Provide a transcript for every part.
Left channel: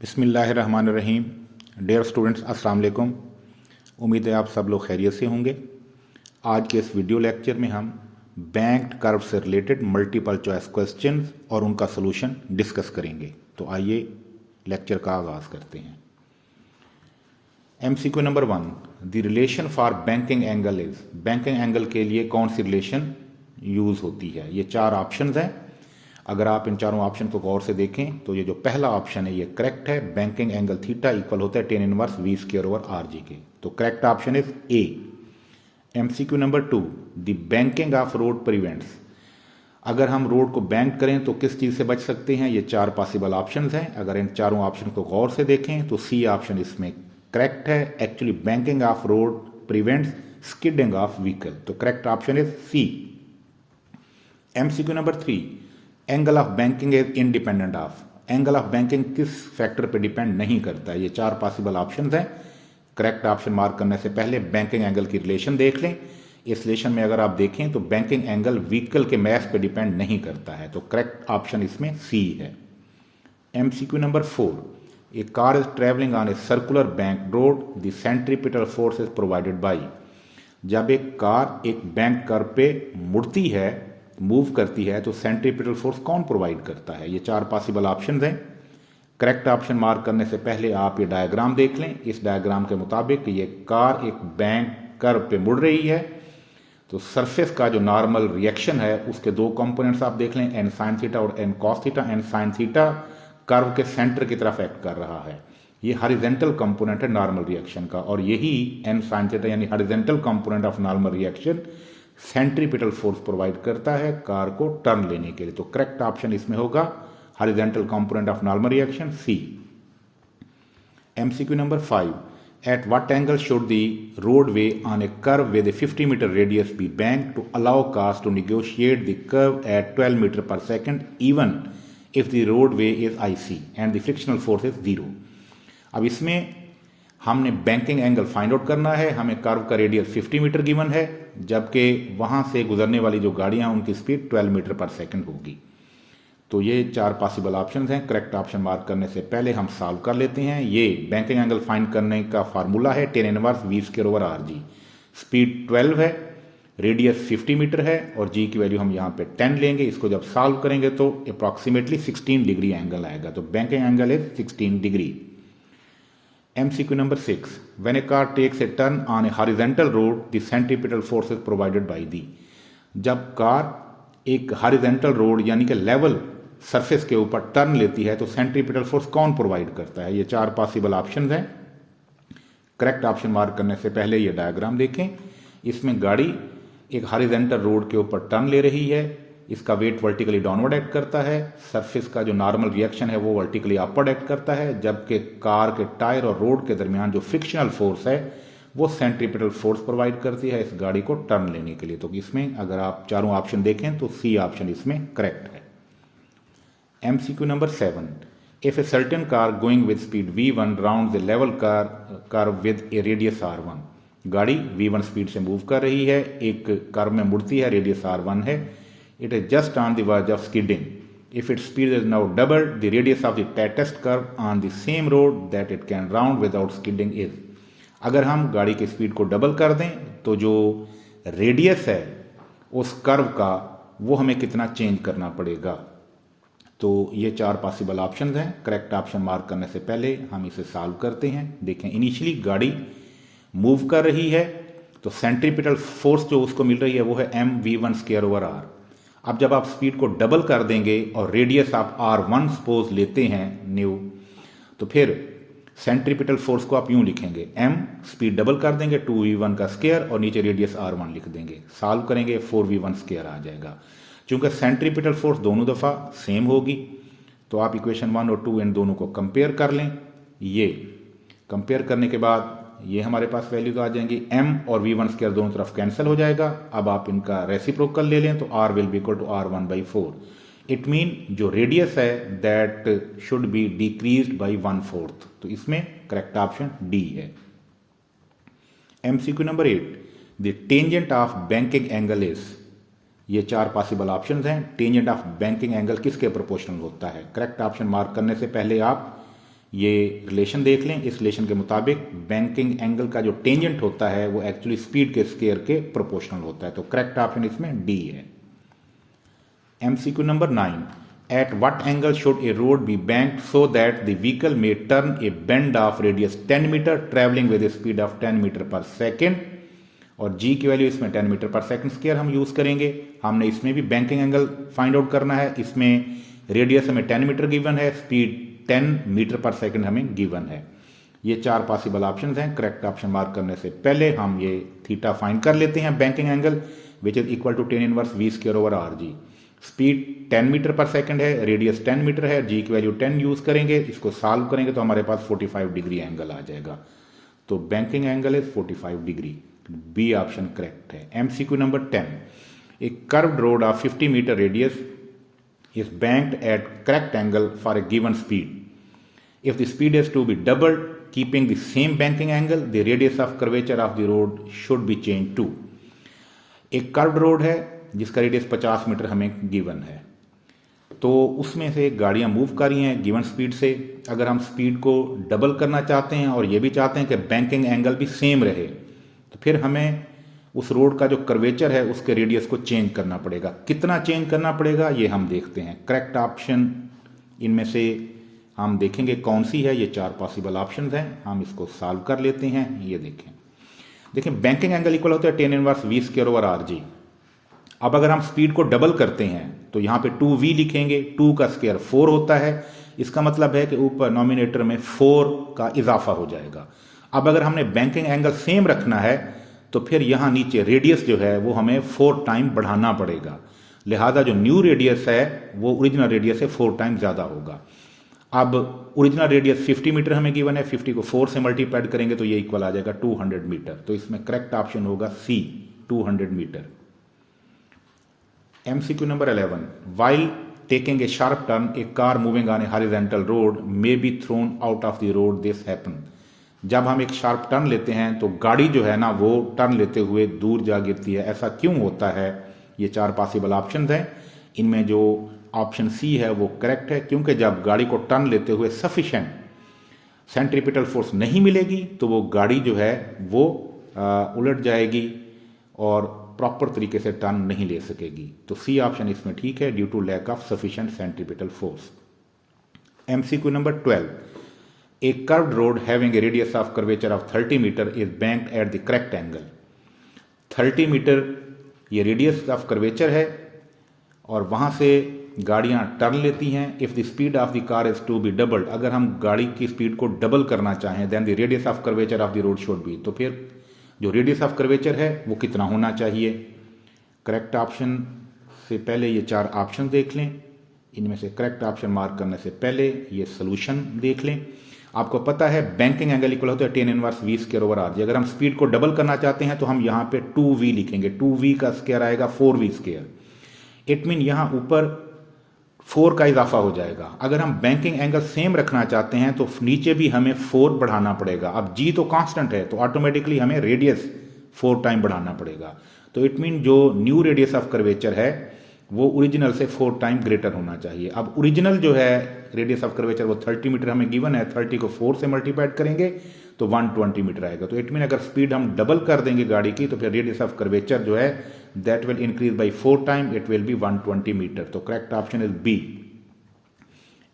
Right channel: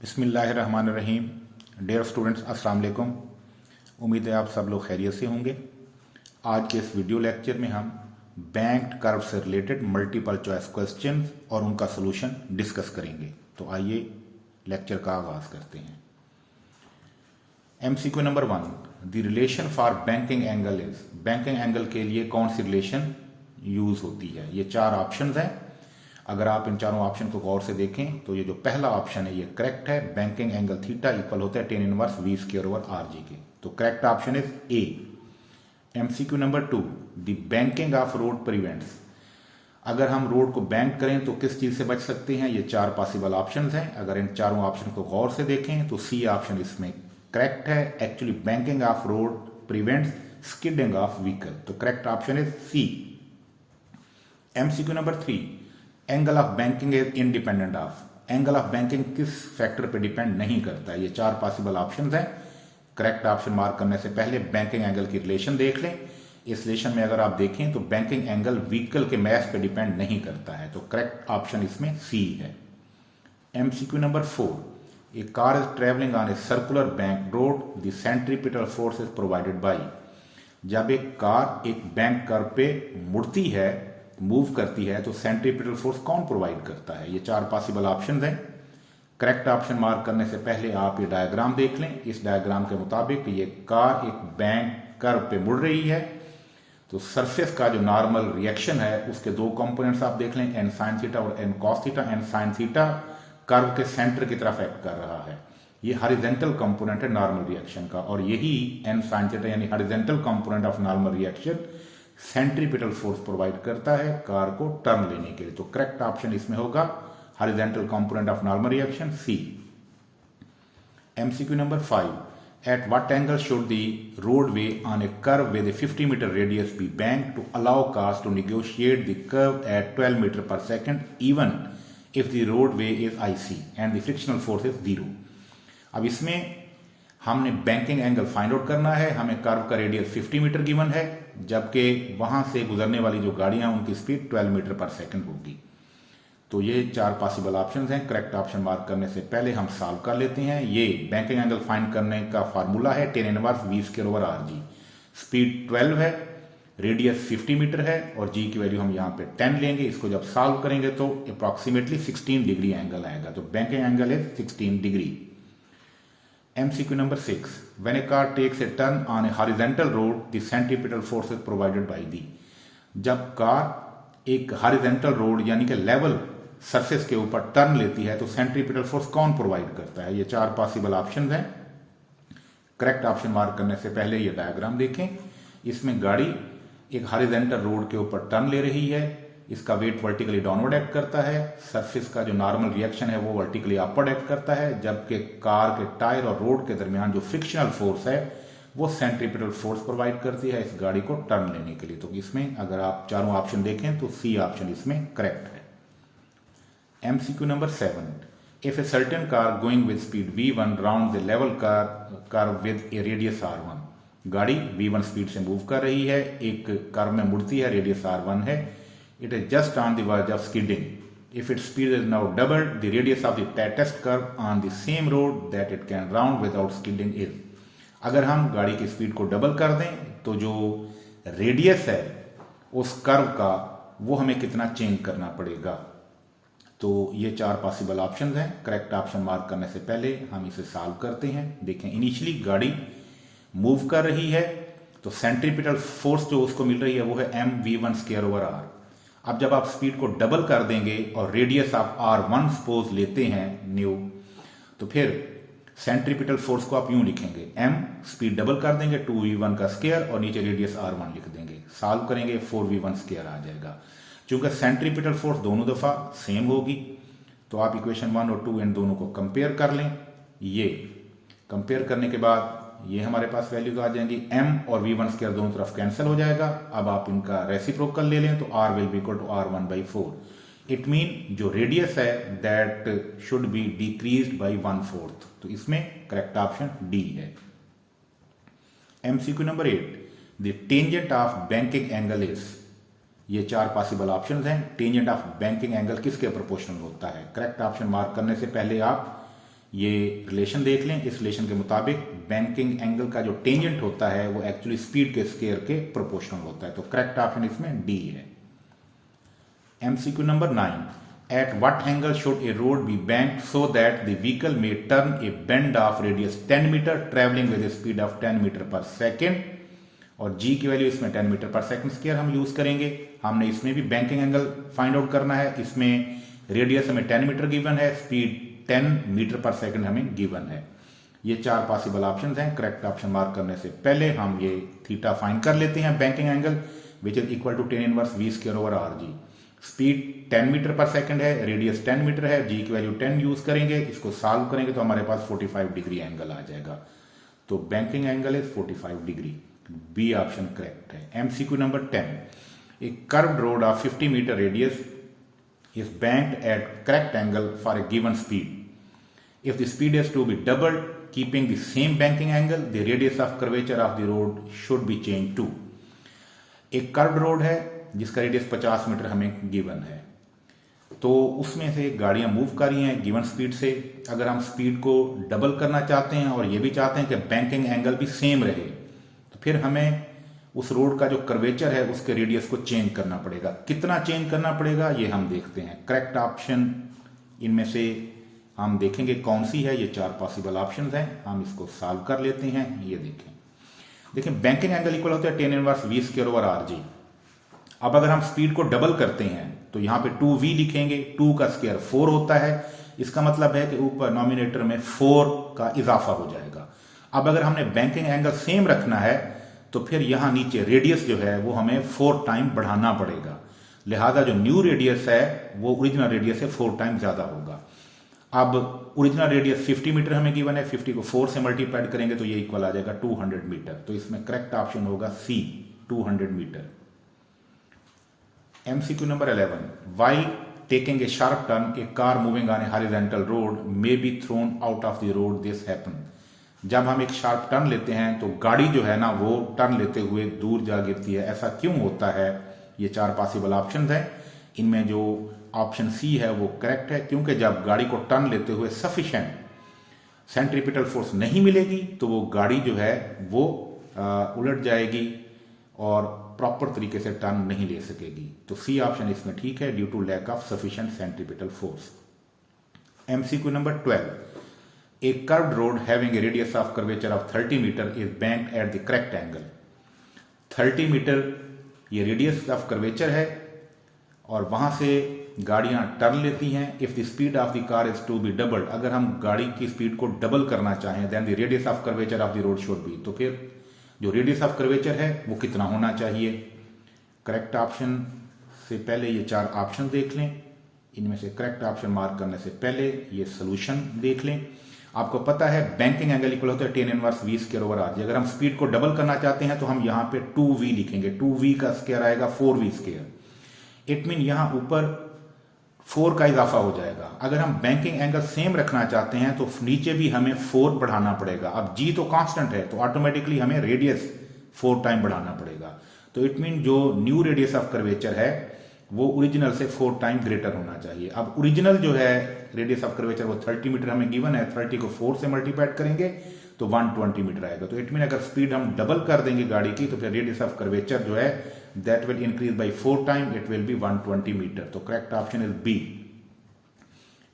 बिस्मिल्लाहिर्रहमानिर्रहीम। Dear students, अस्सलाम वालेकुम। उम्मीद है आप सब लोग खैरियत से होंगे। आज के इस वीडियो लेक्चर में हम बैंक्ड कर्व से रिलेटेड मल्टीपल चॉइस क्वेश्चन और उनका सोल्यूशन डिस्कस करेंगे। तो आइए लेक्चर का आगाज करते हैं। MCQ number 1, the relation for banking angle is. Banking angle के लिए कौन सी रिलेशन यूज होती है? ये चार ऑप्शंस हैं। अगर आप इन चारों ऑप्शन को गौर से देखें तो ये जो पहला ऑप्शन है ये करेक्ट है। बैंकिंग एंगल थीटा इक्वल होता है tan inverse v square over RG के। तो correct option is a. MCQ number 2, the banking of road prevents. अगर हम रोड को बैंक करें तो किस चीज से बच सकते हैं? ये चार पॉसिबल ऑप्शंस हैं। अगर इन चारों ऑप्शन को गौर से देखें तो सी ऑप्शन इसमें करेक्ट है। Actually banking of road prevents skidding of vehicle. तो correct option is C. MCQ number 3, angle of banking is independent of. Angle of banking किस फैक्टर पे डिपेंड नहीं करता? ये चार पॉसिबल ऑप्शंस हैं। करेक्ट ऑप्शन मार्क करने से पहले बैंकिंग एंगल की रिलेशन देख लें। इस रिलेशन में अगर आप देखें तो बैंकिंग एंगल व्हीकल के मास पे डिपेंड नहीं करता है। तो करेक्ट ऑप्शन इसमें सी है। MCQ number 4, A car is travelling on a circular bank road, the centripetal force is provided by. जब एक कार एक बैंक कर्व पे मुड़ती है, मूव करती है, तो सेंट्रीपिटल फोर्स कौन प्रोवाइड करता है? ये चार पॉसिबल ऑप्शंस हैं। करेक्ट ऑप्शन मार्क करने से पहले आप ये डायग्राम देख लें। इस डायग्राम के मुताबिक ये कार एक बैंक कर्व पे मुड़ रही है, तो सरफेस का जो नॉर्मल रिएक्शन है उसके दो कंपोनेंट्स आप देख लें, एन साइन थीटा और N cos theta. N sine theta curve के सेंटर की तरफ एक्ट कर रहा है। ये हॉरिजॉन्टल कंपोनेंट है नॉर्मल रिएक्शन का, और यही एन साइन थीटा यानी horizontal component of normal reaction centripetal force provide करता है कार को टर्न लेने के लिए। तो करेक्ट ऑप्शन इसमें होगा horizontal component of normal reaction, C. MCQ number 5, at what angle should the roadway on a curve with a 50 metre radius be bank to allow cars to negotiate the curve at 12 metre पर second even if the roadway is IC and the frictional force is 0। अब इसमें हमने banking angle find out करना है। हमें curve का radius 50 metre given है, जबकि वहां से गुजरने वाली जो गाड़ियां उनकी स्पीड 12 मीटर पर सेकंड होगी। तो ये चार पॉसिबल ऑप्शंस हैं। करेक्ट ऑप्शन मार्क करने से पहले हम सॉल्व कर लेते हैं। ये बैंकिंग एंगल फाइंड करने का फार्मूला है tan inverse v square over RG। Speed 12 है, रेडियस 50 मीटर है और g की वैल्यू हम यहाँ पे 10 लेंगे। इसको जब सॉल्व करेंगे तो अप्रॉक्सीमेटली 16 डिग्री एंगल आएगा। तो banking angle is 16 degree. MCQ number 6, when a car takes a turn on a horizontal road, the centripetal force is provided by the। जब कार एक हॉरिजॉन्टल रोड यानी कि लेवल सरफेस के ऊपर turn लेती है तो सेंट्रीपिटल फोर्स कौन प्रोवाइड करता है? ये चार पॉसिबल ऑप्शंस हैं। करेक्ट ऑप्शन मार्क करने से पहले ये डायग्राम देखें। इसमें गाड़ी एक हॉरिजॉन्टल रोड के ऊपर टर्न ले रही है। इसका वेट वर्टिकली डाउनवर्ड एक्ट करता है। सरफेस का जो नॉर्मल रिएक्शन है वो वर्टिकली अपवर्ड एक्ट करता है, जबकि कार के टायर और रोड के दरमियान जो फ्रिक्शनल फोर्स है वो सेंट्रीपिटल फोर्स प्रोवाइड करती है इस गाड़ी को टर्न लेने के लिए। तो इसमें अगर आप चारों ऑप्शन देखें तो सी ऑप्शन इसमें करेक्ट है। MCQ number 7, if a certain car going with speed V1 round the level car with A radius R1। गाड़ी V1 स्पीड से मूव कर रही है, एक कर्व में मुड़ती है, रेडियस R1 है। It is just on the verge of skidding. If its speed is now doubled, the radius of the test curve on the same road that it can round without skidding is। अगर हम गाड़ी की speed को double कर दें तो जो radius है उस कर्व का वो हमें कितना चेंज करना पड़ेगा? तो ये चार पॉसिबल ऑप्शंस हैं। करेक्ट ऑप्शन मार्क करने से पहले हम इसे सॉल्व करते हैं। देखें, इनिशियली गाड़ी मूव कर रही है तो सेंट्रीपिटल फोर्स जो उसको मिल रही है वो है mv1 स्क्वायर ओवर r। अब जब आप स्पीड को डबल कर देंगे और रेडियस आप R1 सपोज लेते हैं न्यू, तो फिर सेंट्रीपिटल फोर्स को आप यूं लिखेंगे, m स्पीड डबल कर देंगे 2v1 का स्क्वायर और नीचे रेडियस R1 लिख देंगे। सॉल्व करेंगे 4v1 स्क्वायर आ जाएगा। चूंकि सेंट्रीपिटल फोर्स दोनों दफा सेम होगी तो आप इक्वेशन 1 और 2 इन दोनों को कंपेयर कर लें। ये कंपेयर करने के बाद ये हमारे पास वैल्यूज आ जाएंगी। m और v1 स्क्वायर दोनों तरफ कैंसिल हो जाएगा। अब आप इनका रेसिप्रोकल ले लें तो r will be equal to R1/4। It mean जो रेडियस है that should be decreased by 1/4। तो इसमें करेक्ट ऑप्शन डी है। MCQ number 8, the tangent of banking angle is. ये चार पॉसिबल ऑप्शंस हैं। टेंजेंट ऑफ बैंकिंग एंगल किसके proportional होता है? करेक्ट ऑप्शन मार्क करने से पहले आप ये रिलेशन देख लें। इस रिलेशन के मुताबिक बैंकिंग एंगल का जो टेंजेंट होता है वो एक्चुअली स्पीड के स्क्वायर के प्रोपोर्शनल होता है। तो करेक्ट ऑप्शन इसमें डी है। MCQ नंबर 9, at what angle should a road be banked so that the vehicle may turn a bend of radius 10 metre travelling with speed of 10 metre पर second. और जी की वैल्यू इसमें 10 मीटर पर second square हम use करेंगे। हमने इसमें भी बैंकिंग एंगल फाइंड आउट करना है। इसमें रेडियस हमें 10 मीटर गिवन है, स्पीड 10 मीटर पर सेकेंड हमें गिवन है। ये 4 पॉसिबल ऑप्शंस हैं। करेक्ट ऑप्शन मार्क करने से पहले हम ये थीटा फाइंड कर लेते हैं। Banking angle which is equal to tan inverse v square over are G. Speed 10 metre पर सेकेंड है, रेडियस 10 मीटर है, जी की वैल्यू 10 यूज करेंगे। इसको सॉल्व करेंगे तो हमारे पास 45 डिग्री एंगल आ जाएगा। तो banking angle is 45 degree. B option correct है। MCQ number 10, a curved road of 50 metre radius is banked at correct angle for a given speed. If the speed is to be doubled, keeping the same banking angle, the radius of curvature of the road should be changed to. एक curved road है जिसका radius 50 metre हमें given है, तो उसमें से गाड़ियां move कर रही हैं गिवन स्पीड से। अगर हम स्पीड को डबल करना चाहते हैं और ये भी चाहते हैं कि बैंकिंग एंगल भी सेम रहे, तो फिर हमें उस रोड का जो कर्वेचर है उसके रेडियस को चेंज करना पड़ेगा। कितना चेंज करना पड़ेगा ये हम देखते हैं। करेक्ट ऑप्शन इनमें से हम देखेंगे कौन सी है। ये 4 पॉसिबल ऑप्शंस हैं, हम इसको सॉल्व कर लेते हैं। ये देखें बैंकिंग एंगल इक्वल होता है tan inverse v square over R G. अब अगर हम स्पीड को डबल करते हैं तो यहां पे 2v लिखेंगे, 2 का स्क्वायर 4 होता है। इसका मतलब है कि ऊपर नॉमिनेटर में 4 का इजाफा हो जाएगा। अब अगर हमने बैंकिंग एंगल सेम रखना है तो फिर यहां नीचे रेडियस जो है वो हमें 4 टाइम बढ़ाना पड़ेगा। लिहाजा जो न्यू रेडियस है वो ओरिजिनल रेडियस से 4 टाइम ज्यादा होगा। अब ओरिजिनल रेडियस 50 मीटर हमें गिवन है, 50 को 4 से मल्टीप्लाई करेंगे तो ये इक्वल आ जाएगा 200 मीटर। तो इसमें करेक्ट ऑप्शन होगा C, 200 metre. MCQ number 11, while taking a sharp turn, a car moving on a horizontal road may be thrown out of the road. This happen. जब हम एक शार्प टर्न लेते हैं तो गाड़ी जो है ना वो टर्न लेते हुए दूर जा गिरती है। ऐसा क्यों होता है? ये 4 पॉसिबल ऑप्शन हैं। इनमें जो ऑप्शन सी है वो करेक्ट है, क्योंकि जब गाड़ी को टर्न लेते हुए सफिशिएंट सेंट्रीपिटल फोर्स नहीं मिलेगी तो वो गाड़ी जो है वो उलट जाएगी और प्रॉपर तरीके से टर्न नहीं ले सकेगी। तो सी ऑप्शन इसमें ठीक है, due to lack of sufficient centripetal force. MCQ number 12, a curved road having a radius of curvature of 30 meter is banked at the correct angle. 30 metre ये रेडियस ऑफ कर्वेचर है और वहां से गाड़ियां turn लेती हैं। If the speed of the car is to be doubled, अगर हम गाड़ी की स्पीड को डबल करना चाहें, then the radius of curvature of the road should be, तो फिर जो रेडियस ऑफ कर्वेचर है वो कितना होना चाहिए। करेक्ट ऑप्शन से पहले ये 4 ऑप्शन देख लें। इनमें से करेक्ट ऑप्शन मार्क करने से पहले ये सोल्यूशन देख लें। आपको पता है बैंकिंग एंगल इक्वल होता है tan inverse v square over R G. अगर हम स्पीड को डबल करना चाहते हैं तो हम यहां पे 2v लिखेंगे, 2v का स्क्वायर आएगा 4v स्क्वायर। इट मीन यहां ऊपर 4 का इजाफा हो जाएगा। अगर हम बैंकिंग एंगल सेम रखना चाहते हैं तो नीचे भी हमें 4 बढ़ाना पड़ेगा। अब g तो कांस्टेंट है तो ऑटोमेटिकली हमें रेडियस 4 टाइम बढ़ाना पड़ेगा। तो इट मीन जो न्यू रेडियस ऑफ कर्वेचर है वो ओरिजिनल से 4 टाइम ग्रेटर होना चाहिए। अब ओरिजिनल जो है रेडियस ऑफ कर्वेचर वो 30 मीटर हमें गिवन है, 30 को 4 से मल्टीप्लाई करेंगे तो 120 मीटर आएगा। तो इट मीन अगर स्पीड हम डबल कर देंगे गाड़ी की तो फिर रेडियस ऑफ कर्वेचर जो है that will increase by 4 time, it will be 120 metre. तो correct option is B.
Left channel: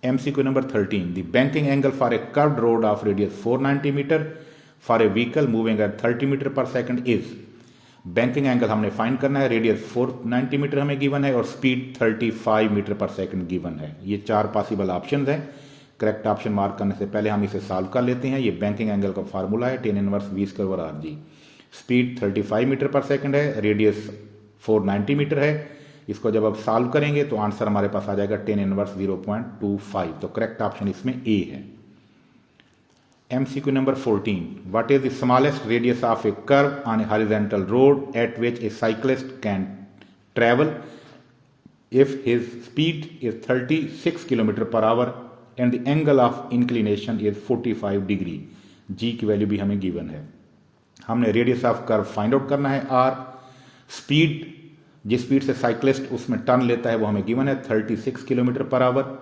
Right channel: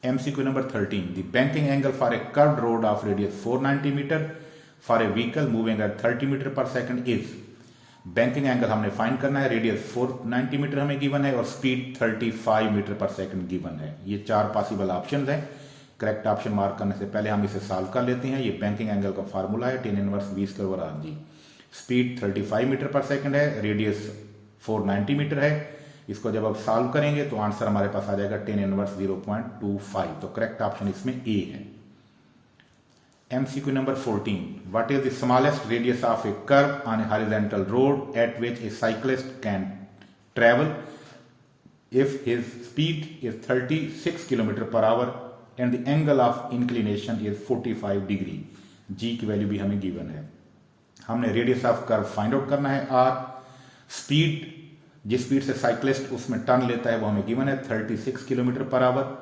MCQ number 13, the banking angle for a curved road of radius 490 metre for a vehicle moving at 30 metre पर second is. Banking angle हमने find करना है, radius 490 metre हमें given है और speed 35 metre पर second given है। ये 4 पॉसिबल ऑप्शंस हैं। करेक्ट ऑप्शन मार्क करने से पहले हम इसे सॉल्व कर लेते हैं। ये बैंकिंग एंगल का फार्मूला है tan inverse v square over are G. Speed 35 metre पर सेकंड है, रेडियस 490 मीटर है। इसको जब आप सॉल्व करेंगे तो आंसर हमारे पास आ जाएगा tan इनवर्स 0.25। तो करेक्ट ऑप्शन इसमें ए है। MCQ number 14, what is the smallest radius of a curve on a horizontal road at which a cyclist can travel if his speed is 36 km per hour and the angle of inclination is 45 degree? G की value भी हमें given है। हमने radius of curve find out करना है। R speed, जिस speed से cyclist उसमें टर्न लेता है वो हमें गिवन है 36 किलोमीटर पर आवर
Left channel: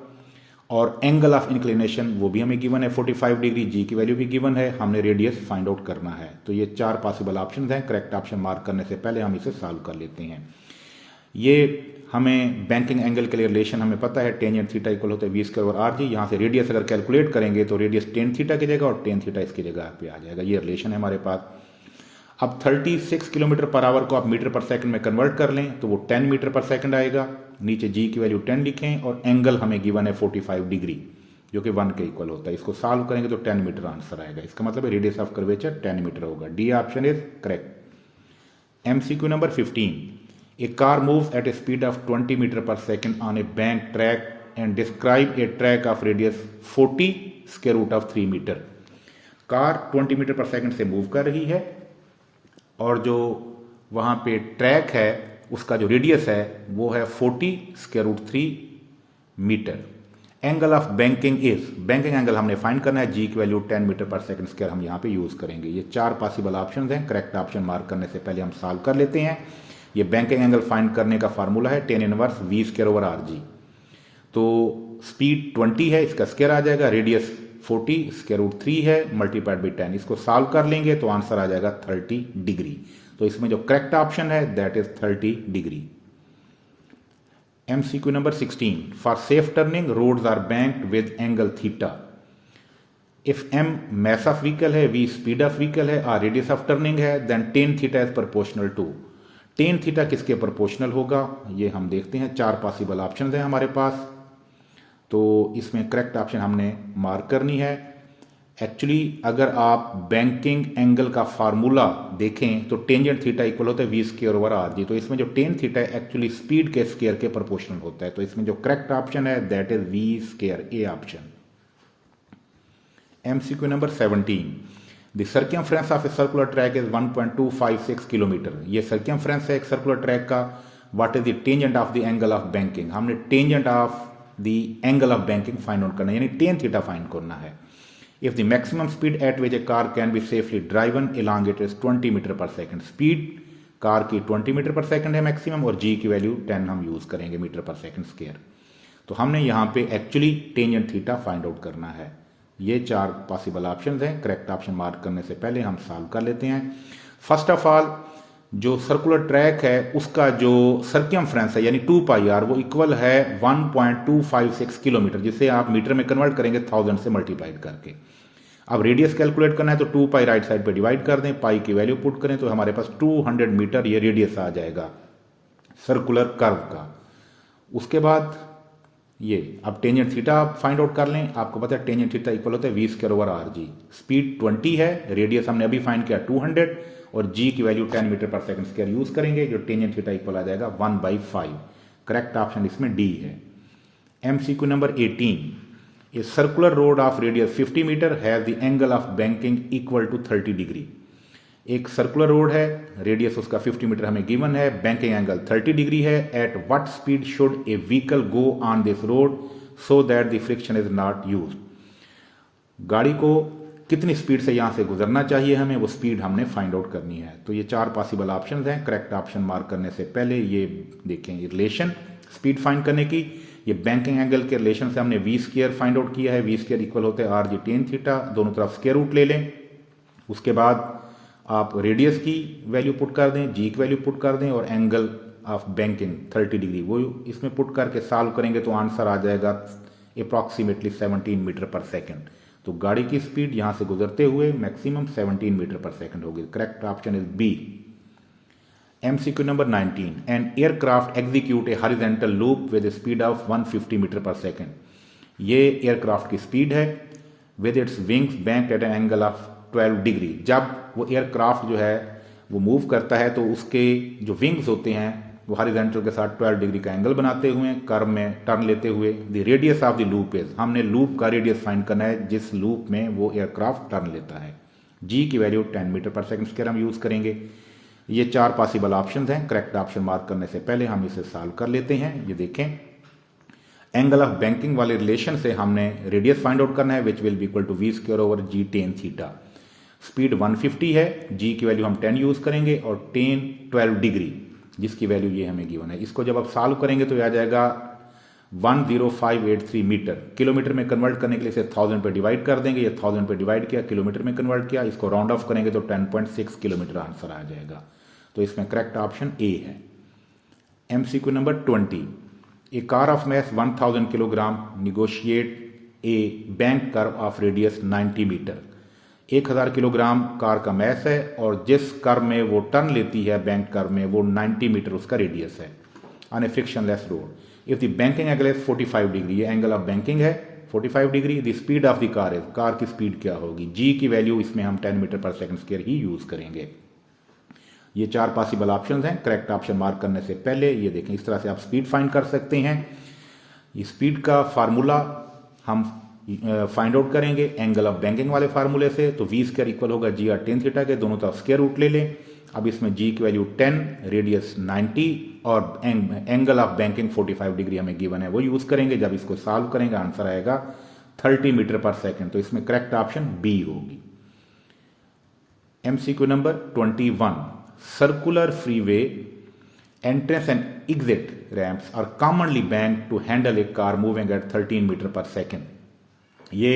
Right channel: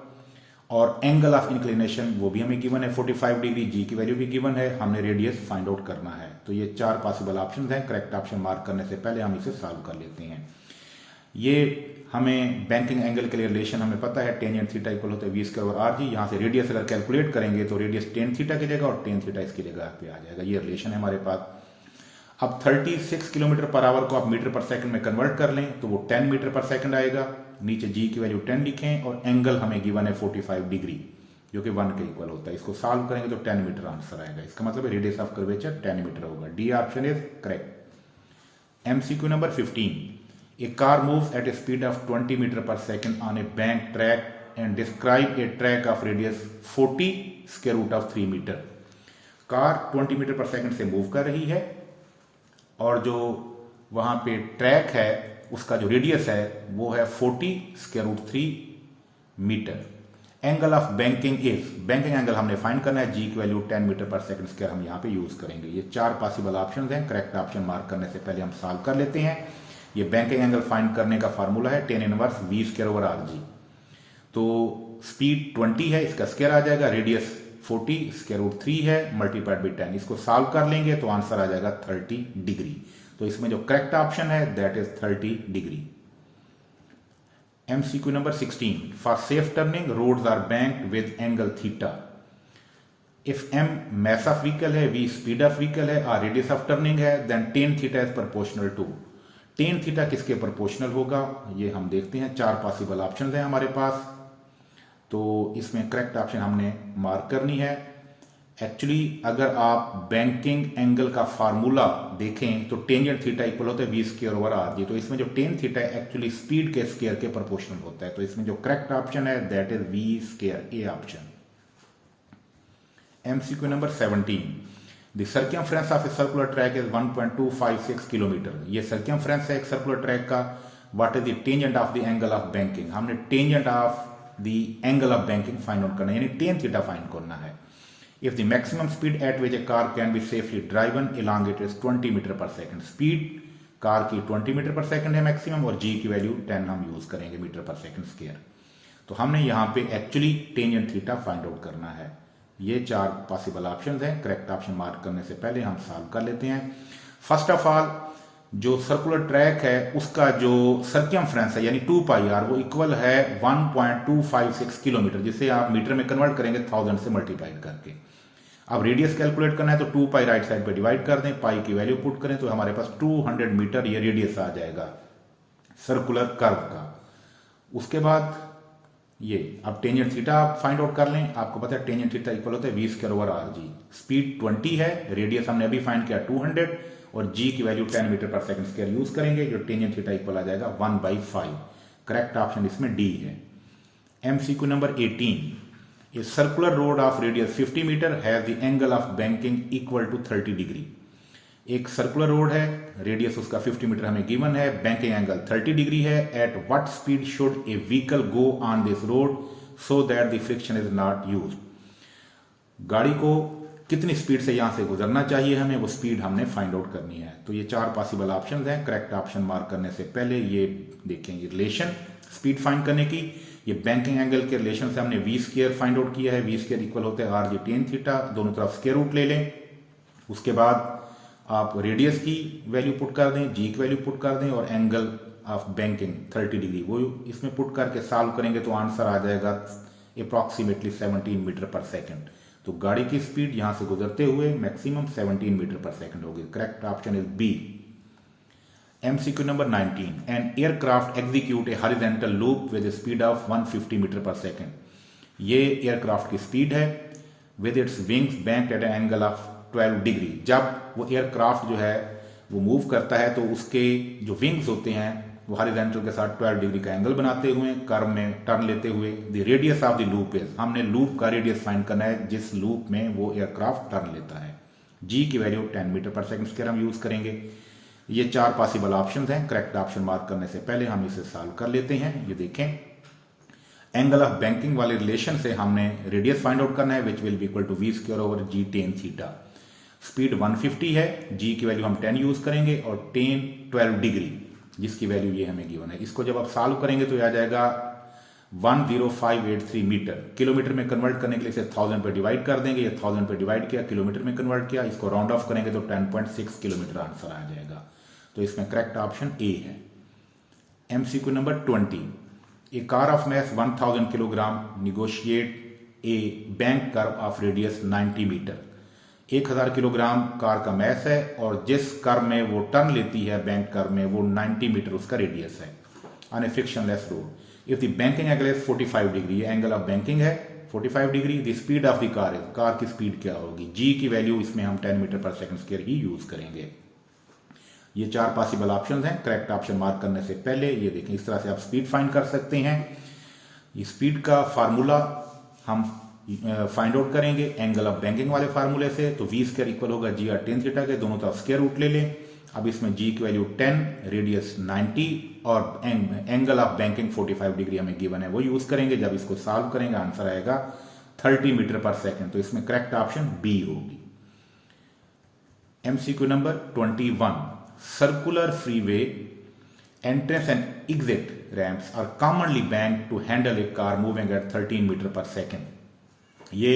और एंगल ऑफ इंक्लिनेशन वो भी हमें गिवन है 45 डिग्री, जी की वैल्यू भी गिवन है, हमने रेडियस फाइंड आउट करना है। तो ये 4 पॉसिबल ऑप्शन हैं। करेक्ट ऑप्शन मार्क करने से पहले हम इसे सॉल्व कर लेते हैं। ये हमें बैंकिंग एंगल के लिए रिलेशन हमें पता है, टेंजेंट थीटा इक्वल होता है वी स्क्वायर और आर जी। यहाँ से रेडियस अगर कैलकुलेट करेंगे तो रेडियस टेन थीटा की जगह और टेन थीटा इसकी जगह पे आ जाएगा। ये रिलेशन है हमारे पास। अब 36 किलोमीटर पर आवर को आप मीटर पर सेकंड में कन्वर्ट कर लें तो वो 10 मीटर पर सेकंड आएगा। नीचे जी की वैल्यू 10 लिखें और एंगल हमें गिवन है 45 डिग्री जो कि 1 के इक्वल होता है। इसको सॉल्व करेंगे तो 10 मीटर आंसर आएगा। इसका मतलब रेडियस ऑफ कर्वेचर 10 मीटर होगा। D option is correct. MCQ number 15, a car moves at a speed of 20 metre पर second on a bank track and describe a track of radius 40 square root of 3 metre. Car 20 metre पर second से move कर रही है और जो वहां पे ट्रैक है उसका जो रेडियस है वो है 40 square root 3 metre. Angle of banking is, banking angle हमने फाइंड करना है, जी की वैल्यू 10 मीटर पर सेकंड स्क्वायर हम यहां पे यूज करेंगे। ये 4 पॉसिबल ऑप्शंस हैं। करेक्ट ऑप्शन मार्क करने से पहले हम सॉल्व कर लेते हैं। ये बैंकिंग एंगल फाइंड करने का फार्मूला है tan inverse V square over R G. तो स्पीड 20 है, इसका स्क्वायर आ जाएगा, रेडियस 40 स्क्वायर रूट 3 है मल्टीप्लाइड बाई 10। इसको सॉल्व कर लेंगे तो आंसर आ जाएगा 30 डिग्री। तो इसमें जो करेक्ट ऑप्शन है that is 30 degree. MCQ number 16, for safe turning roads are banked with angle theta. If m mass of vehicle है, v स्पीड ऑफ व्हीकल है और रेडियस ऑफ टर्निंग है, then tan theta is proportional to. tan theta किसके proportional होगा ये हम देखते हैं। 4 पॉसिबल ऑप्शन है हमारे पास। तो इसमें करेक्ट ऑप्शन हमने मार्क करनी है। एक्चुअली अगर आप बैंकिंग एंगल का फार्मूला देखें तो टेंजेंट थीटा इक्वल होता है we square over R G. तो इसमें जो टेन थीटा है एक्चुअली स्पीड के स्क्वायर के प्रोपोर्शनल होता है। तो इसमें जो करेक्ट ऑप्शन है that is v square, A option. MCQ number 17, the circumference of a circular track is 1.256 kilometre. ये सर्कमफ्रेंस है एक सर्कुलर ट्रैक का। What is the tangent of the angle of banking. हमने tangent of the angle of banking find out करना है, यानी tan theta find करना है। If the maximum speed at which a car can be safely driven along it is 20 metre पर second. Speed car की 20 metre पर second है maximum और जी की वैल्यू 10 हम यूज करेंगे मीटर पर सेकंड स्क्वायर। तो हमने यहां पे actually tangent theta find out करना है। ये 4 पॉसिबल ऑप्शंस हैं। करेक्ट ऑप्शन मार्क करने से पहले हम सॉल्व कर लेते हैं। फर्स्ट ऑफ ऑल जो सर्कुलर ट्रैक है उसका जो सर्कमफ्रेंस है यानी 2 पाई आर वो इक्वल है 1.256 किलोमीटर, जिसे आप मीटर में कन्वर्ट करेंगे 1000 से मल्टीप्लाइड करके। अब रेडियस कैलकुलेट करना है तो 2 पाई राइट साइड पे डिवाइड कर दें, पाई की वैल्यू पुट करें तो हमारे पास 200 मीटर ये रेडियस आ जाएगा सर्कुलर कर्व का। उसके बाद ये अब टेंजेंट थीटा आप फाइंड आउट कर लें। आपको पता है टेंजेंट थीटा इक्वल होता है we square over are G. Speed 20 है, रेडियस हमने अभी फाइंड किया 200 और जी की वैल्यू 10 मीटर पर सेकंड स्क्वायर यूज करेंगे। जो टेंजेंट थीटा इक्वल आ जाएगा 1/5। करेक्ट ऑप्शन इसमें डी है। MCQ number 18, A circular road of radius 50 meter has the angle of banking equal to 30 degree. एक सर्कुलर रोड है, रेडियस उसका 50 मीटर हमें गिवन है, बैंकिंग एंगल 30 डिग्री है। At what speed should A vehicle go on this road so that the friction is not used. गाड़ी को कितनी speed से यहां से गुजरना चाहिए हमें, वो स्पीड हमने फाइंड आउट करनी है। तो ये 4 पॉसिबल ऑप्शन हैं। करेक्ट ऑप्शन मार्क करने से पहले ये देखेंगे रिलेशन स्पीड फाइंड करने की। ये बैंकिंग एंगल के रिलेशन से हमने वी स्क्वायर फाइंड आउट किया है। वी स्क्वायर इक्वल होता है आर जी टेन थीटा, दोनों तरफ स्क्वायर रूट ले लें। उसके बाद आप रेडियस की वैल्यू पुट कर दें, जी की वैल्यू पुट कर दें और एंगल ऑफ बैंकिंग 30 डिग्री वो इसमें पुट करके सॉल्व करेंगे तो आंसर आ जाएगा अप्रॉक्सीमेटली 17 मीटर पर सेकंड। तो गाड़ी की स्पीड यहां से गुजरते हुए मैक्सिमम 17 मीटर पर सेकंड होगी। Correct option is B. MCQ number 19, an aircraft execute a horizontal loop with a speed of 150 metre पर सेकंड। ये एयरक्राफ्ट की स्पीड है with its wings banked at an angle of 12 degree. जब वो aircraft जो है वो मूव करता है तो उसके जो विंग्स होते हैं वो हॉरिजॉन्टल के साथ 12 डिग्री का एंगल बनाते हुए कर्व में टर्न लेते हुए। The radius of the loop is, हमने लूप का रेडियस फाइंड करना है जिस लूप में वो एयरक्राफ्ट टर्न लेता है। जी की वैल्यू 10 मीटर पर सेकंड स्क्वायर हम यूज करेंगे। ये 4 पॉसिबल ऑप्शन हैं। करेक्ट ऑप्शन मार्क करने से पहले हम इसे सॉल्व कर लेते हैं। ये देखें एंगल ऑफ बैंकिंग वाले रिलेशन से हमने रेडियस फाइंड आउट करना है which will be equal to V square over G tan theta. Speed 150 है, जी की वैल्यू हम 10 यूज करेंगे और टेन 12 डिग्री जिसकी वैल्यू ये हमें गिवन है। इसको जब आप सॉल्व करेंगे तो आ जाएगा 10583 मीटर। किलोमीटर में कन्वर्ट करने के लिए इसे 1000 पे डिवाइड कर देंगे, ये 1000 पे डिवाइड किया, किलोमीटर में कन्वर्ट किया, इसको राउंड ऑफ करेंगे तो 10.6 किलोमीटर आंसर आ जाएगा। तो इसमें करेक्ट ऑप्शन ए है। MCQ number 20, a car of mass 1000 kilogram negotiate a bank curve of radius 90 metre. 1000 kilogram car का मैस है और जिस कर्व में वो टर्न लेती है बैंक कर्व में, वो 90 मीटर उसका रेडियस है on A frictionless road. If the banking angle is 45 degree, ये एंगल ऑफ बैंकिंग है 45 degree. The speed of the car is, car की स्पीड क्या होगी, जी की वैल्यू इसमें हम 10 मीटर पर सेकंड स्क्वायर ही यूज करेंगे। ये 4 पॉसिबल ऑप्शन हैं। करेक्ट ऑप्शन मार्क करने से पहले ये देखें, इस तरह से आप स्पीड फाइंड कर सकते हैं। ये स्पीड का फार्मूला हम फाइंड आउट करेंगे एंगल ऑफ बैंकिंग वाले फार्मूले से। तो वी स्क्वायर इक्वल होगा जी आर टेन थीटा के, दोनों तरफ स्क्वायर रूट ले लें। अब इसमें जी की वैल्यू 10, रेडियस 90 और एंगल ऑफ बैंकिंग 45 डिग्री हमें गिवन है, वो यूज करेंगे। जब इसको सॉल्व करेंगे आंसर आएगा 30 मीटर पर सेकंड। तो इसमें करेक्ट ऑप्शन बी होगी। MCQ number 21, circular freeway entrance and exit ramps are commonly banked to handle a car moving at 13 metre पर सेकंड। ये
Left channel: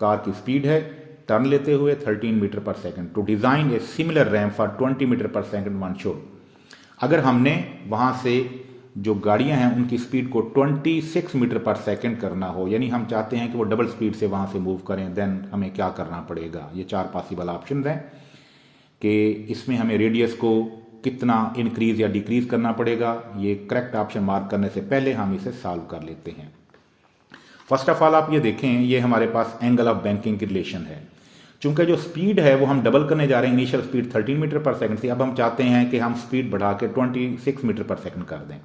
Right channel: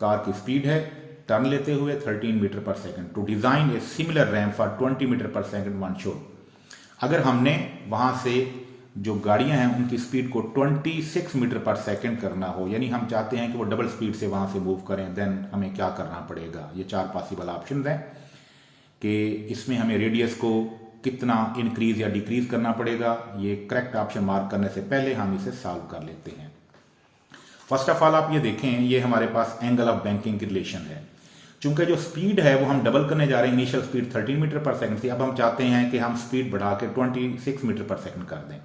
कार की स्पीड है टर्न लेते हुए 13 मीटर पर second. To design a similar ramp for 20 metre पर second one should, अगर हमने वहां से जो गाड़ियां हैं उनकी स्पीड को 26 मीटर पर सेकंड करना हो, यानी हम चाहते हैं कि वो डबल स्पीड से वहां से मूव करें, देन हमें क्या करना पड़ेगा। ये 4 पॉसिबल ऑप्शन हैं कि इसमें हमें रेडियस को कितना इंक्रीज या डिक्रीज करना पड़ेगा। ये करेक्ट ऑप्शन मार्क करने से पहले हम इसे सॉल्व कर लेते हैं। फर्स्ट ऑफ ऑल आप ये देखें, ये हमारे पास एंगल ऑफ बैंकिंग की रिलेशन है। चूंकि जो स्पीड है वो हम डबल करने जा रहे हैं, इनिशियल स्पीड 13 मीटर पर सेकंड थी, अब हम चाहते हैं कि हम स्पीड बढ़ा के 26 मीटर पर सेकंड कर दें।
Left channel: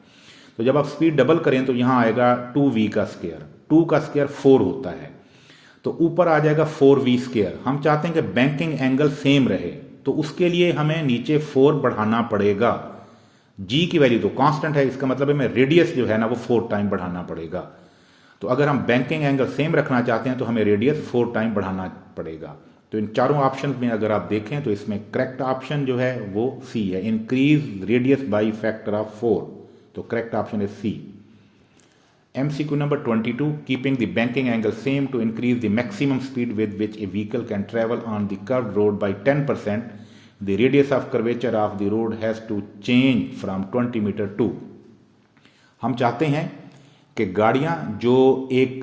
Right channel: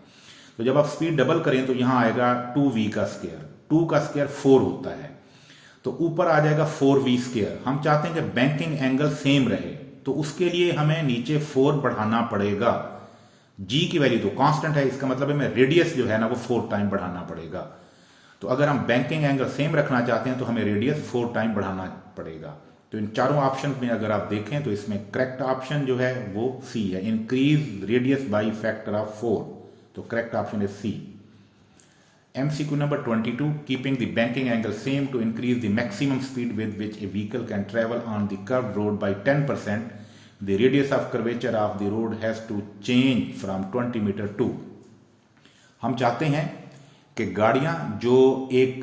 तो जब आप स्पीड डबल करें तो यहां आएगा 2v का स्क्वायर, 2 का स्क्वायर 4 होता है, तो ऊपर आ जाएगा 4v स्क्वायर। हम चाहते हैं कि बैंकिंग एंगल सेम रहे, तो उसके लिए हमें नीचे 4 बढ़ाना पड़ेगा। जी की वैल्यू तो कांस्टेंट है, इसका मतलब है मैं रेडियस जो है ना वो 4 टाइम बढ़ाना पड़ेगा। तो अगर हम बैंकिंग एंगल सेम रखना चाहते हैं तो हमें रेडियस 4 टाइम बढ़ाना पड़ेगा। तो इन चारों ऑप्शन में अगर आप देखें तो इसमें करेक्ट ऑप्शन जो है वो सी है, increase radius by factor of 4। तो करेक्ट ऑप्शन है सी। MCQ number 22, keeping the banking angle same to increase the maximum speed with which a vehicle can travel on the curved road by 10%, the radius of curvature of the road has to change from 20 meter to। हम चाहते हैं कि गाड़ियां जो एक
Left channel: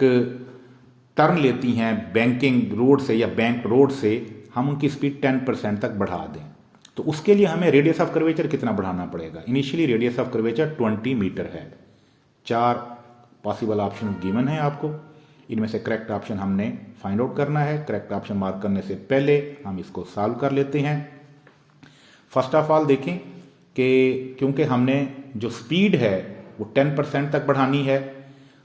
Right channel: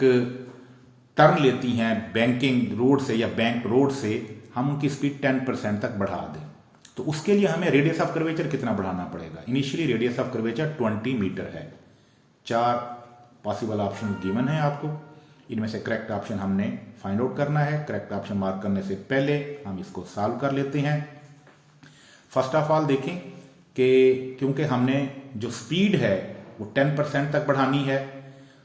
turn लेती हैं banking road से या बैंक रोड से, हम उनकी स्पीड 10% तक बढ़ा दें। तो उसके लिए हमें रेडियस ऑफ कर्वेचर कितना बढ़ाना पड़ेगा। Initially radius of curvature 20 metre है। 4 पॉसिबल ऑप्शन गिवन है आपको, इनमें से करेक्ट ऑप्शन हमने फाइंड आउट करना है। करेक्ट ऑप्शन मार्क करने से पहले हम इसको सॉल्व कर लेते हैं। फर्स्ट ऑफ ऑल देखें कि क्योंकि हमने जो स्पीड है वो 10% तक बढ़ानी है,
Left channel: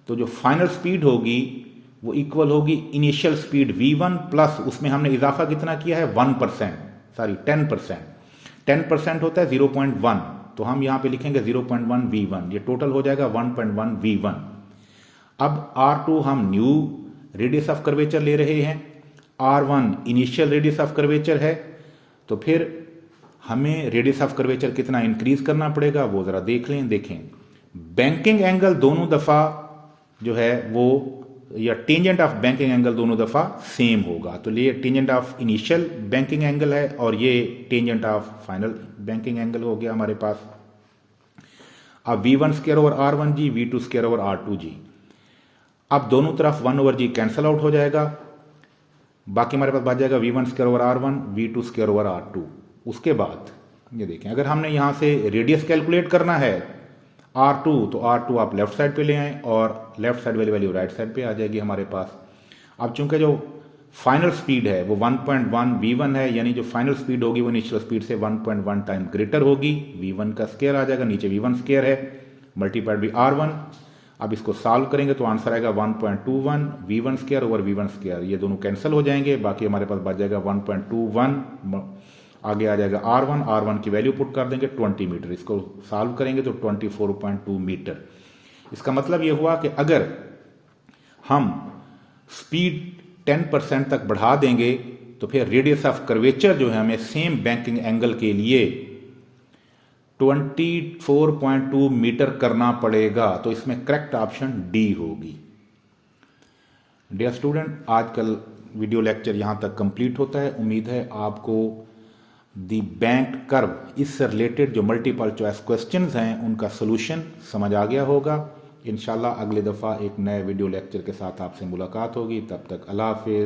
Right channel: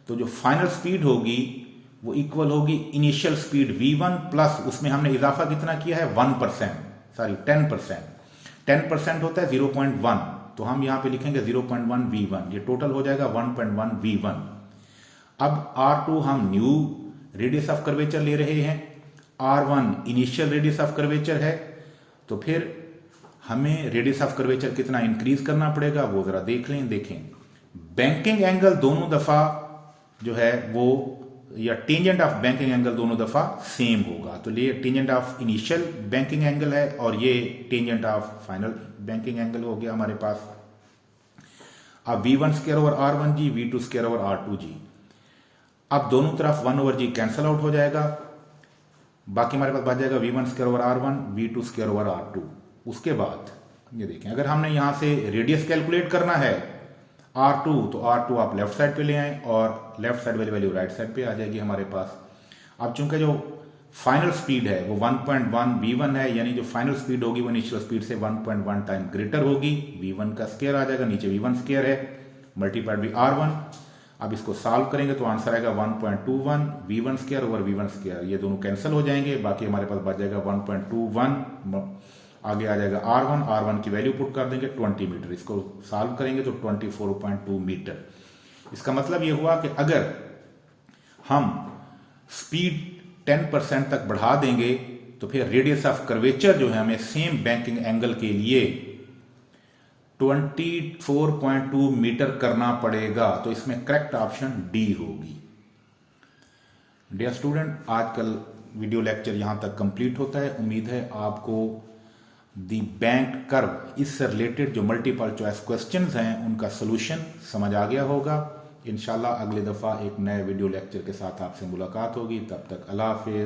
तो जो फाइनल स्पीड होगी वो इक्वल होगी इनिशियल स्पीड v1 प्लस उसमें हमने इजाफा कितना किया है 10%। 10% होता है 0.1, तो हम यहां पे लिखेंगे 0.1 v1, ये टोटल हो जाएगा 1.1 v1। अब R2 हम न्यू रेडियस ऑफ कर्वेचर ले रहे हैं, R1 initial radius of curvature है, तो फिर हमें रेडियस ऑफ कर्वेचर कितना इंक्रीज करना पड़ेगा वो जरा देख लें। देखें बैंकिंग एंगल दोनों दफा जो है वो, या टेंजेंट ऑफ बैंकिंग एंगल दोनों दफा सेम होगा। तो ये tangent of initial banking angle है और ये tangent of final banking angle हो गया हमारे पास। अब v1 square over r1g, v2 square over r2g। अब दोनों तरफ 1/g कैंसल आउट हो जाएगा, बाकी हमारे पास बच जाएगा v1 square over r1, v2 square over r2। उसके बाद ये देखें, अगर हमने यहां से रेडियस कैलकुलेट करना है R2, तो R2 आप लेफ्ट साइड पे ले आए और लेफ्ट साइड वाली वैल्यू राइट साइड पे आ जाएगी हमारे पास। अब चूंकि जो फाइनल स्पीड है वो 1.1 v1 है, यानी जो फाइनल स्पीड होगी वो इनिशियल स्पीड से 1.1 टाइम ग्रेटर होगी। v1 का स्क्वायर आ जाएगा, नीचे v1 स्क्वायर है मल्टीप्लाइड बाई r1। अब इसको सॉल्व करेंगे तो आंसर आएगा 1.21 v1 square over v1 square, ये दोनों कैंसिल हो जाएंगे, बाकी हमारे पास बच जाएगा 1.21। आगे आ जाएगा R1 की वैल्यू पुट कर देंगे 20 मीटर, इसको सॉल्व करेंगे तो 24.2 मीटर। इसका मतलब यह हुआ कि अगर हम स्पीड 10% तक बढ़ा देंगे तो फिर रेडियस ऑफ कर्वेचर जो है हमें सेम बैंकिंग एंगल के लिए 24.2 मीटर करना पड़ेगा, तो इसमें करेक्ट ऑप्शन डी होगी। डियर स्टूडेंट, आज कल वीडियो लेक्चर यहाँ तक कंप्लीट होता है। उम्मीद है आपको दी बैंक कर्व इससे रिलेटेड जो मल्टीपल चॉइस क्वेश्चंस हैं उनका सोल्यूशन समझ आ गया होगा। इंशाल्लाह अगली दफ़ा एक नए वीडियो लेक्चर के साथ आपसे मुलाकात होगी। तब तक अल्लाह हाफिज़।